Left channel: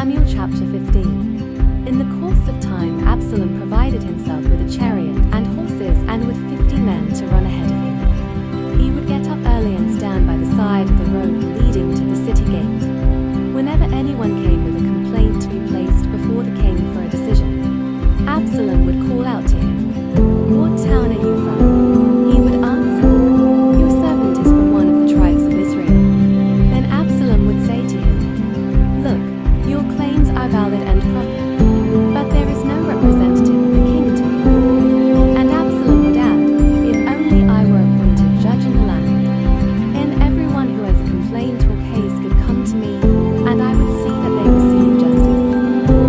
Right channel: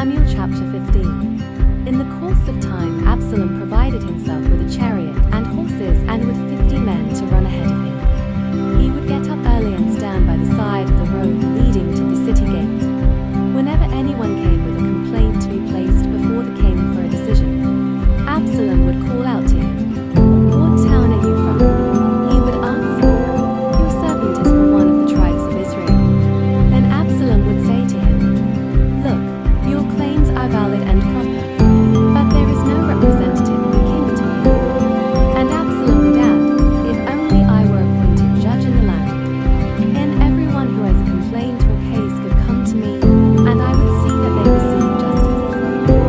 Samuel chapter 15. In the course of time, Absalom provided himself with a chariot and horses and with 50 men to run ahead of him. He would get up early and stand by the side of the road leading to the city gate. Whenever anyone came with a complaint to be placed before the king for a decision, Absalom would call out to him, "What town are you from?" He would answer, "Your servant is from one of the tribes of Israel." Then Absalom would say to him, "Look, your claims are valid and proper, but there is no representative of the king to hear you." And Absalom would add, "If only I were appointed judge in the land, and everyone who has a complaint or case could come to me, and I would see that they receive justice."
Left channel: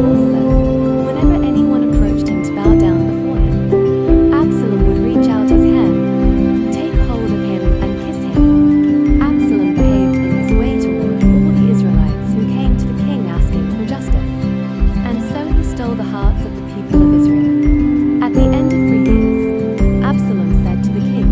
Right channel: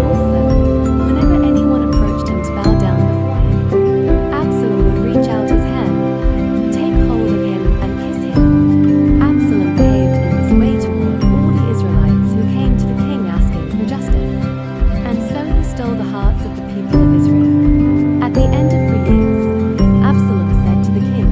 Also, whenever anyone approached him to bow down before him, Absalom would reach out his hand, take hold of him, and kiss him. Absalom behaved in this way toward all the Israelites who came to the king asking for justice. And so he stole the hearts of the people of Israel. At the end of 3 years, Absalom said to the king,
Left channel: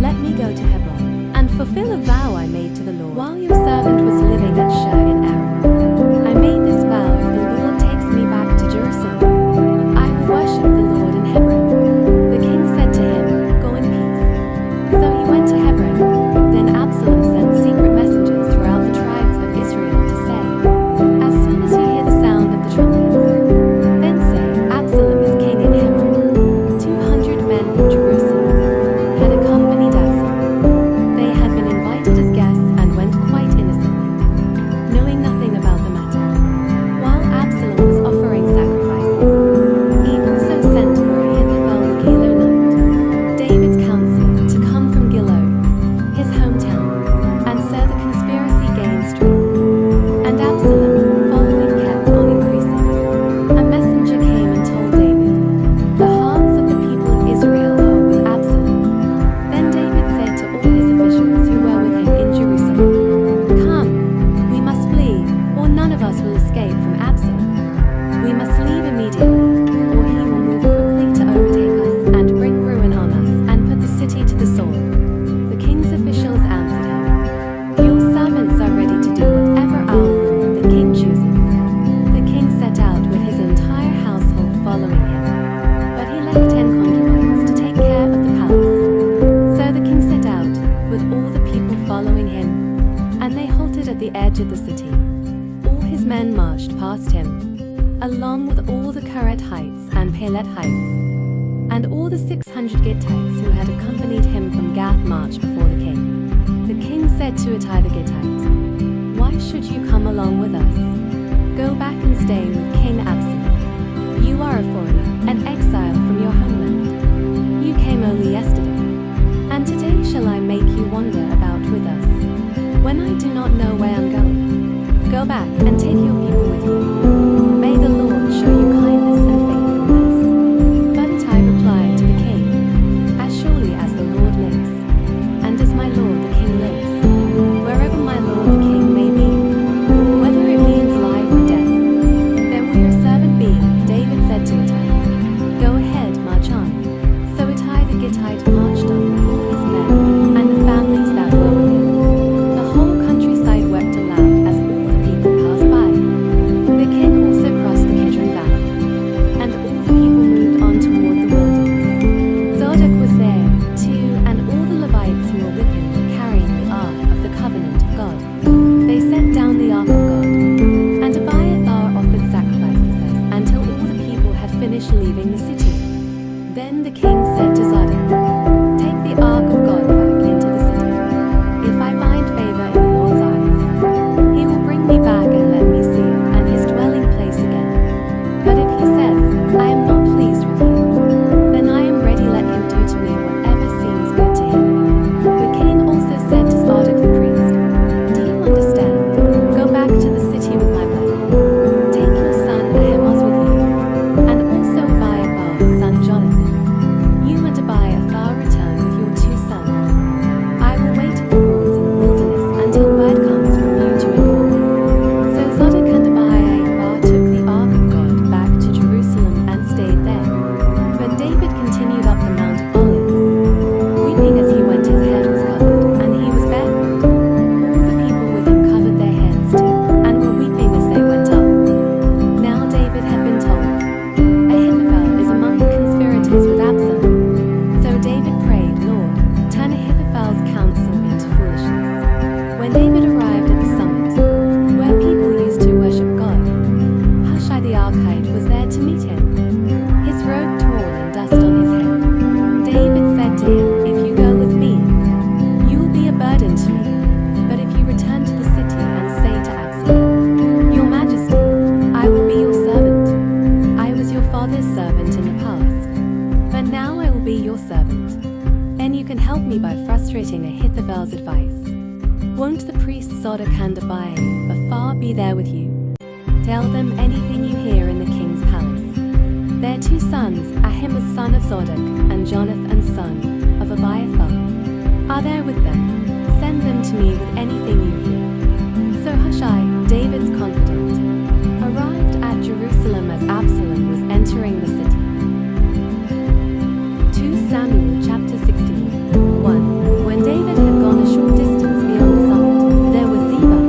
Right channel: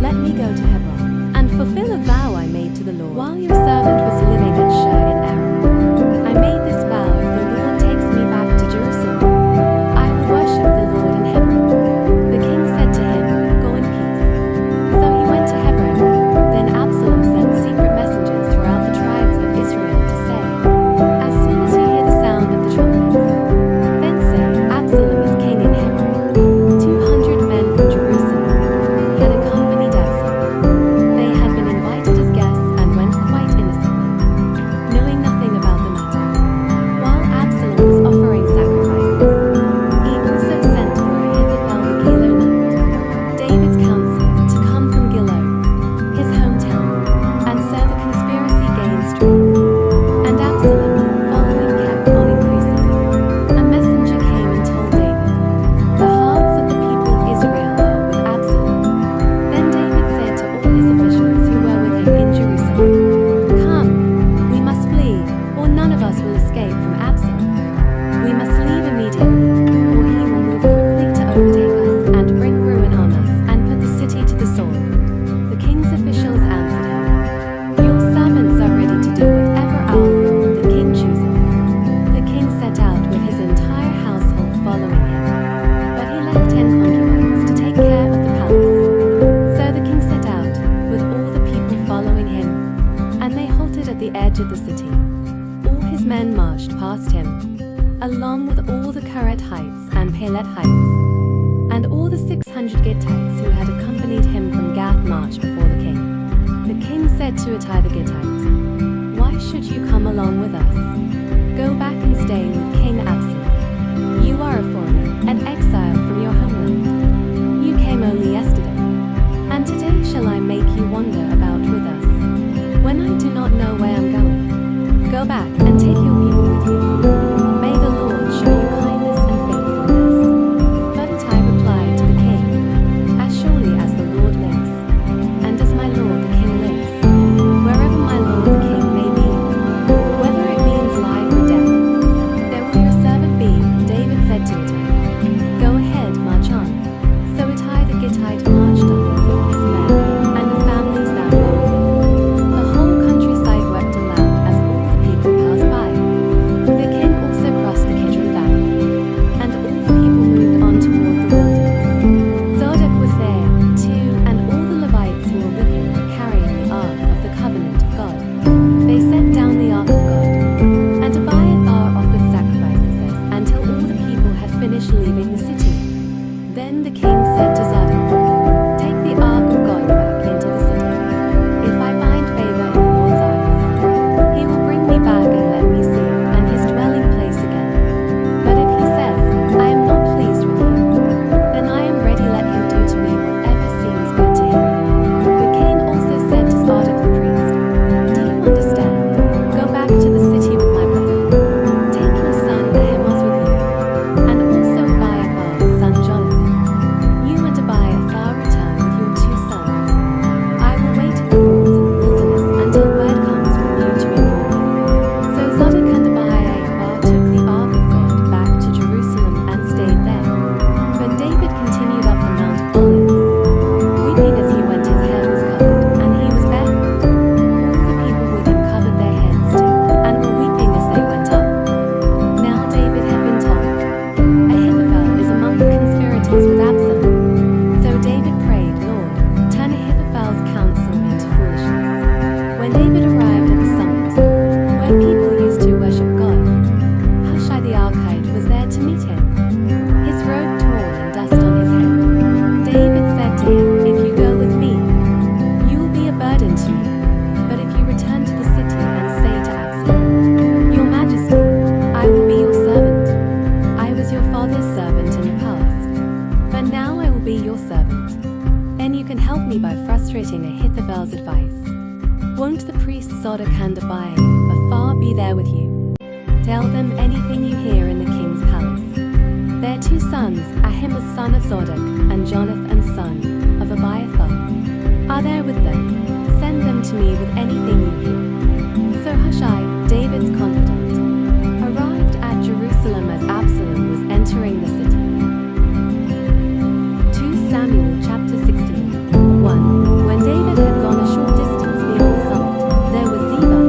"Let me go to Hebron and fulfill a vow I made to the Lord while your servant was living at Shur in Aram. I made this vow, if the Lord takes me back to Jerusalem, I will worship the Lord in Hebron." The king said to him, "Go in peace." So he went to Hebron. Then Absalom sent secret messengers throughout the tribes of Israel to say, "As soon as you hear the sound of the trumpets, then say, Absalom is king in Hebron." 200 men from Jerusalem had accompanied Absalom. They had been invited as guests and went quite innocently, knowing nothing about the matter. While Absalom was offering sacrifices, he also sent for Ahithophel the Gilonite, David's counselor, to come from Gilo, his hometown, and so the conspiracy gained strength. And Absalom's following kept on increasing. A messenger came and told David, "The hearts of the people of Israel are with Absalom." Then David said to all his officials who were with him in Jerusalem, "Come, we must flee, or none of us will escape from Absalom. We must leave immediately, or he will move quickly to overtake us and bring ruin on us and put the city to the sword." The king's officials answered him, "Your servants are ready to do whatever our lord the king chooses." The king set out with his entire household following him, but he left 10 concubines to take care of the palace. So the king set out with all the people following him, and they halted at the edge of the city. All his men marched past him, along with all the Keret heights and Pelet heights, and all the 600 Gittites who had accompanied him from Gath marched before the king. The king said to Ittai the Gittite, "Why should you come along with us? Go back and stay with King Absalom. You are a foreigner, an exile from your homeland. You came only yesterday, and today shall I make you wander about with us, when I do not know where I'm going? Go back and take your people with you. May the Lord show you kindness and faithfulness." But Ittai replied to the king, "As surely as the Lord lives, and as my lord the king lives, wherever my lord the king may be, whether it means life or death, there will your servant be." David said to Ittai, "Go ahead, march on." So Ittai the Gittite marched on with all his men and the families that were with him. The whole countryside wept aloud as all the people passed by. The king also crossed the Kidron Valley, and all the people moved on toward the wilderness. Zadok was there too, and all the Levites who were with him were carrying the ark of the covenant of God. They set down the ark of God, and Abiathar offered sacrifices until all the people had finished leaving the city. Then the king said to Zadok, "Take the ark of God back into the city. If I find favor in the Lord's eyes, he will bring me back and let me see it and his dwelling place again. But if he says, 'I am not pleased with you,' then I am ready, let him do to me whatever seems good to him." The king also said to Zadok the priest, "Do you understand? Go back to the city with my blessing. Take your son Ahimaaz with you, and also Abiathar's son Jonathan. You and Abiathar Ahithophel's advice. Won't the priests Zadok and Abiathar be there with you? Tell them anything you hear in the king's palace. Their 2 sons, Ahimaaz son of Zadok and Jonathan son of Abiathar, are there with them. Send them to me with anything you hear. So Hushai, David's confidant, arrived at Jerusalem as Absalom was entering the city. 2 Samuel chapter 16. 1. When David had gone a short distance beyond the summit, there was Ziba,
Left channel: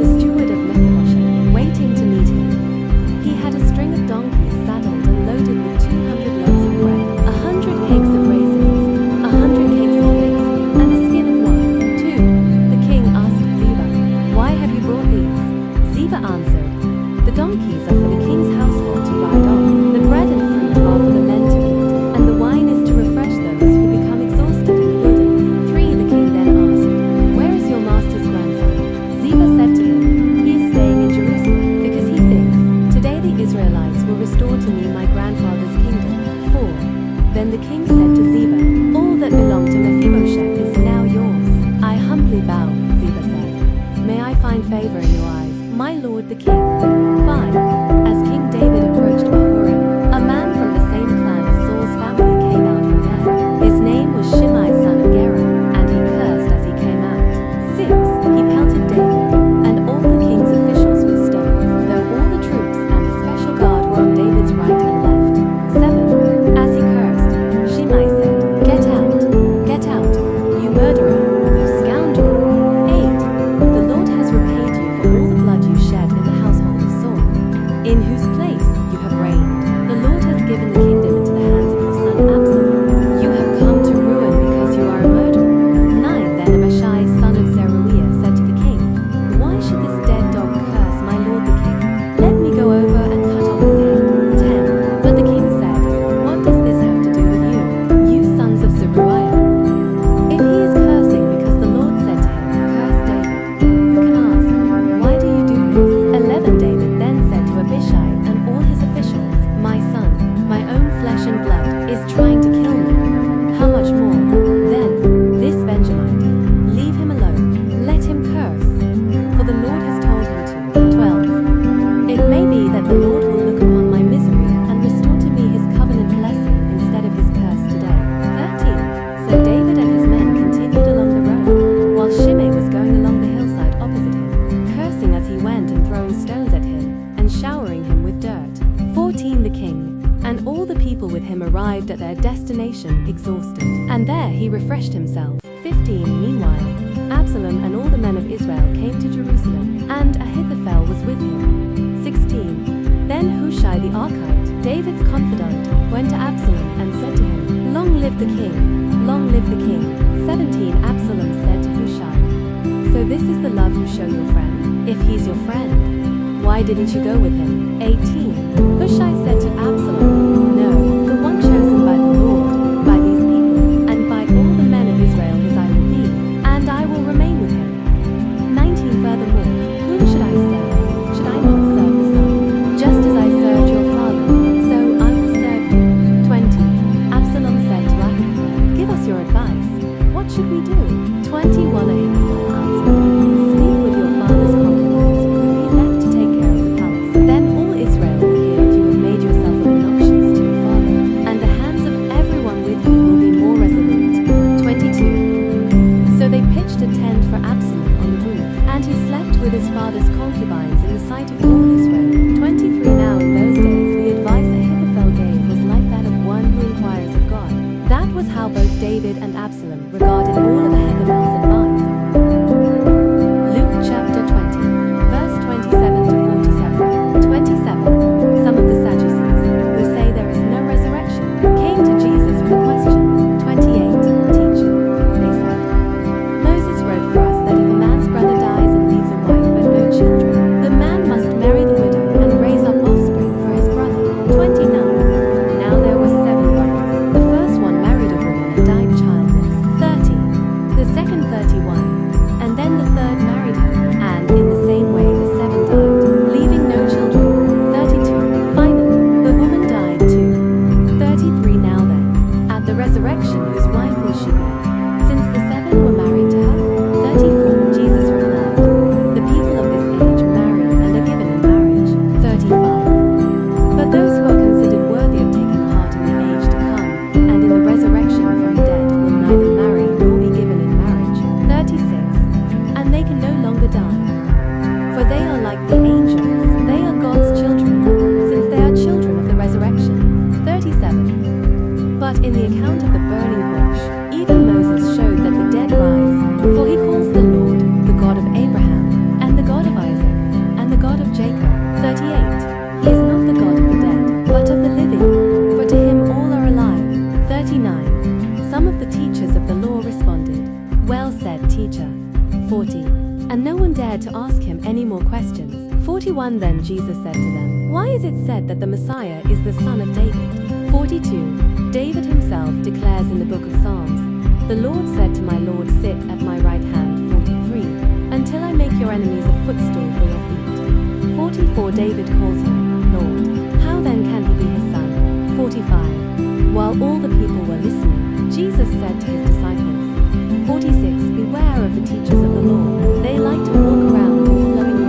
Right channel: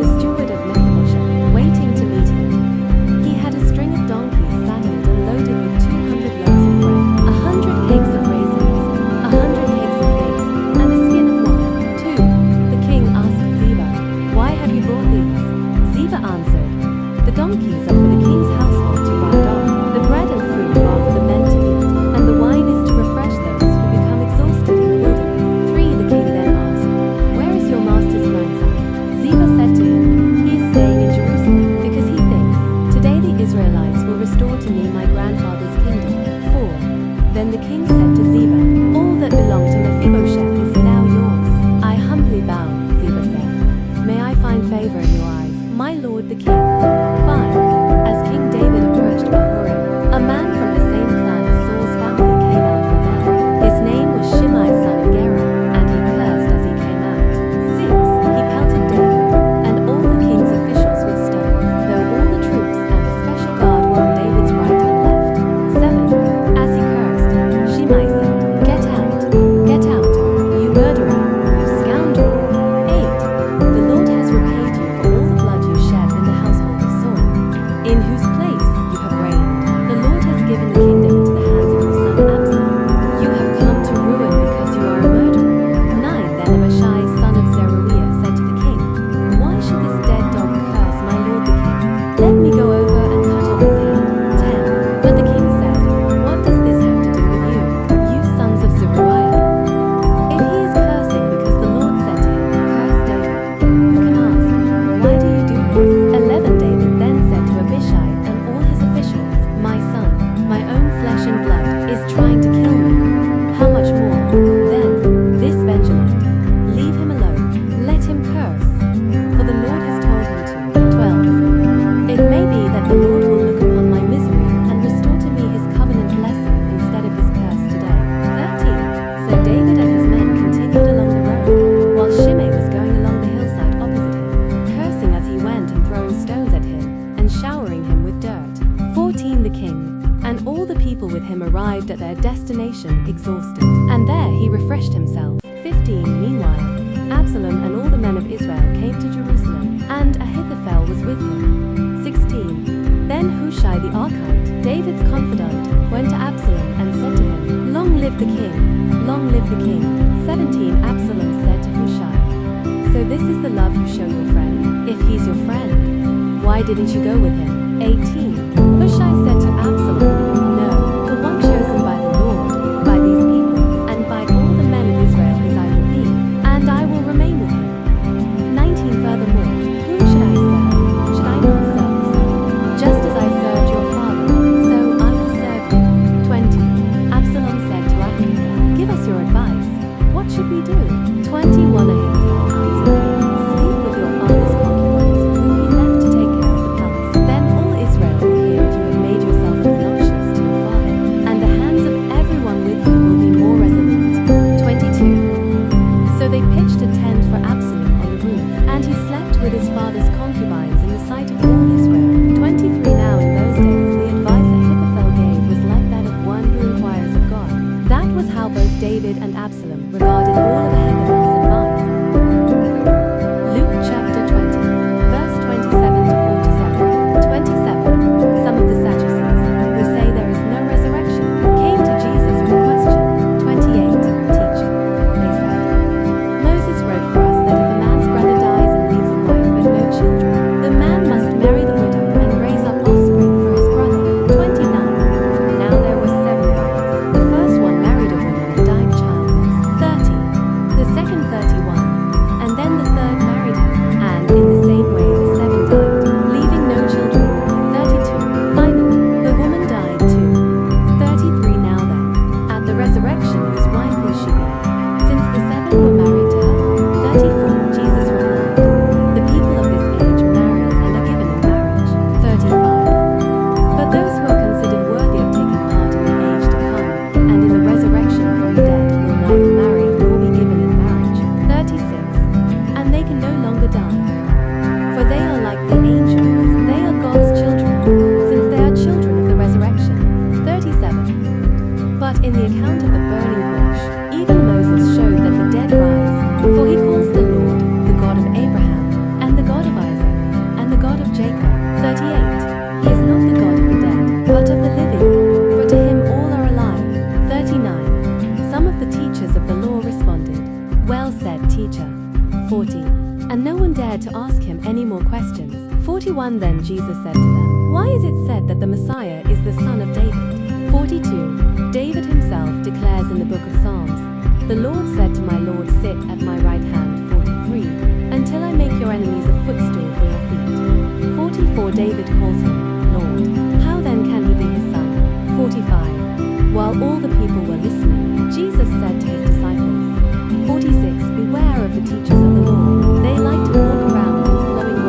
the steward of Mephibosheth, waiting to meet him. He had a string of donkeys saddled and loaded with 200 loaves of bread, 100 cakes of raisins, 100 cakes of figs, and a skin of wine. 2. The king asked Ziba, "Why have you brought these?" Ziba answered, "The donkeys are for the king's household to ride on. The bread and fruit are for the men to eat, and the wine is to refresh those who become exhausted in the wilderness." 3. The king then asked, "Where is your master's grandson?" Ziba said to him, "He is staying in Jerusalem, because he thinks, 'Today the Israelites will restore to me my grandfather's kingdom.'" 4. Then the king said to Ziba, "All that belonged to Mephibosheth is now yours." "I humbly bow," Ziba said. "May I find favor in your eyes, my lord the king." 5. As King David approached Bahurim, a man from the same clan as Saul's family came out from there. His name was Shimei son of Gera, and he cursed as he came out. 6. He pelted David and all the king's officials with stones, though all the troops and the special guard were on David's right and left. 7. As he cursed, Shimei said, "Get out, you murderer, you scoundrel." 8. The Lord has repaid you for all the blood you shed in the household of Saul, in whose place you have reigned. The Lord has given the kingdom into the hands of your son Absalom. You have come to ruin because you are a murderer. 9. Then Abishai son of Zeruiah said to the king, "Why should this dead dog curse my lord the king? Let me go over and cut off his head." 10. But the king said, "What does this have to do with you, you sons of Zeruiah? If he is cursing because the Lord said to him, 'Curse David,' who can ask, 'Why do you do this?'" 11. David then said to Abishai and all his officials, "My son, my own flesh and blood, is trying to kill me. How much more, then, this Benjamite? Leave him alone. Let him curse, for the Lord has told him to." 12. It may be that the Lord will look upon my misery and restore to me his covenant blessing instead of his curse today. 13. So David and his men continued along the road, while Shimei was going along the hillside opposite him, cursing as he went and throwing stones at him and showering him with dirt. 14. The king and all the people with him arrived at their destination exhausted, and there he refreshed himself. 15. Meanwhile, Absalom and all the men of Israel came to Jerusalem, and Ahithophel was with him. 16. Then Hushai the Archite, David's confidant, went to Absalom and said to him, "Long live the king! Long live the king!" 17. Absalom said to Hushai, "So this is the love you show your friend? If he's your friend, why didn't you go with him?" 18. Hushai said to Absalom, "No, the one chosen by the Lord, by these people, and by all the men of Israel his eye will be, and I will remain with him." 19. Furthermore, whom should I serve? Should I not serve the Son? Just as I served your father, so I will serve you. 20. Absalom said to Ahithophel, "Give us your advice. What should we do?" 21. Ahithophel answered, "Sleep with your father's concubines, whom he left to take care of the palace. Then all Israel will hear that you have made yourself obnoxious to your father, and the hands of everyone with you will be more resolute." 22. So they pitched a tent for Absalom on the roof, and he slept with his father's concubines in the sight of all Israel. 23. Now in those days the advice Ahithophel gave was like that of one who inquires of God. That was how both David and Absalom regarded all of Ahithophel's advice. Luke chapter 20, verse 27 to 47. 27. Some of the Sadducees, who say there is no resurrection, came to Jesus with a question. 28. Teacher, they said, Moses wrote for us that if a man's brother dies and leaves a wife but no children, the man must marry the widow and raise up offspring for his brother. 29. Now there were 7 brothers. The first one married a woman and died childless. 30. The second 30 for they are like the angels. They are God's children, since they are children of the resurrection. 37. But in the account of the burning bush, even Moses showed that the dead rise, for he calls the Lord the God of Abraham, and the God of Isaac, and the God of Jacob. 38. He is not the God of the dead, but of the living, for to him all are alive. 39. Some of the teachers of the law responded, "Well said, teacher." 40. And no one dared to ask him any more questions. 41. Then Jesus said to them, "Why is it said that the Messiah is the son of David?" 42. David himself declares in the book of Psalms, "The Lord said to my Lord, sit at my right hand." 43. Until I make your enemies a footstool for your feet. 44. David calls him Lord. How then can he be his son? 45. While all the people were listening, Jesus said to his disciples, 46. Beware of the teachers of the law. They like to walk around in flowing